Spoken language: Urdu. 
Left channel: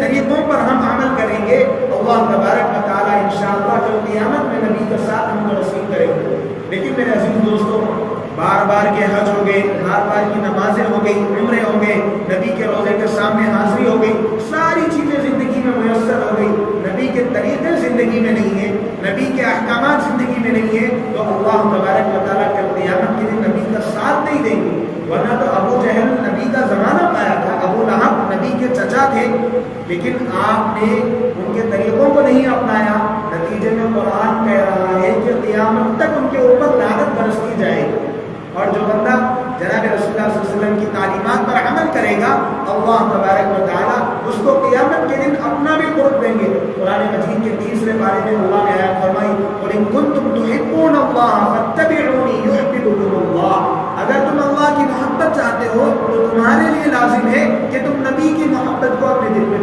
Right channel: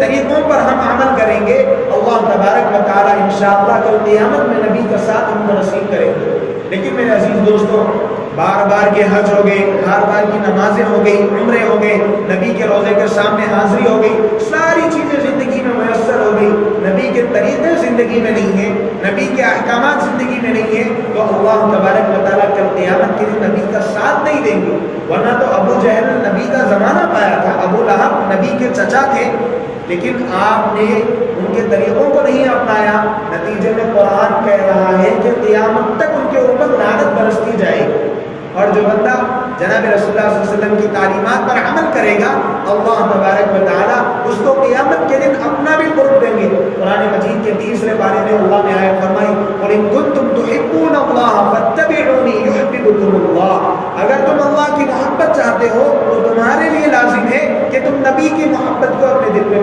طریقوں پر ہم عمل کریں گے، اللہ تبارک و تعالیٰ انشاءاللہ کل قیامت میں نبی کا ساتھ ہم کو نصیب کرے گا۔ لیکن میرے عزیز دوستوں، بار بار کے حج ہو گئے، بار بار کی نمازیں ہو گئی، عمرے ہو گئے، نبی کے روضے کے سامنے حاضری ہو گئی، ساری چیزیں زندگی میں میسر ہو گئی، نبی کے طریقے زندگی میں نہیں ہیں، نبی کے احکامات زندگی میں نہیں ہیں، تو اللہ تبارک و تعالیٰ کل قیامت کے دن نبی کا ساتھ نہیں دیں گے۔ ورنہ تو ابو جہل نبی کا زمانہ پایا تھا، ابو لہب نبی کے چچا تھے، لیکن آپ نے ان کے طریقوں کو نہیں اپنایا، نتیجے میں قرآن کہہ رہا ہے کہ قیامت تک ان کے اوپر لعنت برستی جائے گی۔ اور جو بندہ جناب رسول اللہ صلی اللہ علیہ وسلم کی تعلیمات پر عمل کرے گا، اللہ تبارک و تعالیٰ اس کو قیامت کے دن اپنا بھی قرب دیں گے۔ قرآن مجید کے 30ویں پارے میں اللہ نے آیت فرمائی، قُلْ إِن كُنتُمْ تُحِبُّونَ اللَّهَ فَاتَّبِعُونِي يُحْبِبْكُمُ اللَّهُ۔ اگر تم اللہ کی محبت چاہتے ہو تو تمہارے لیے لازم ہے کہ تم نبی کی محبت کو اپنے دل میں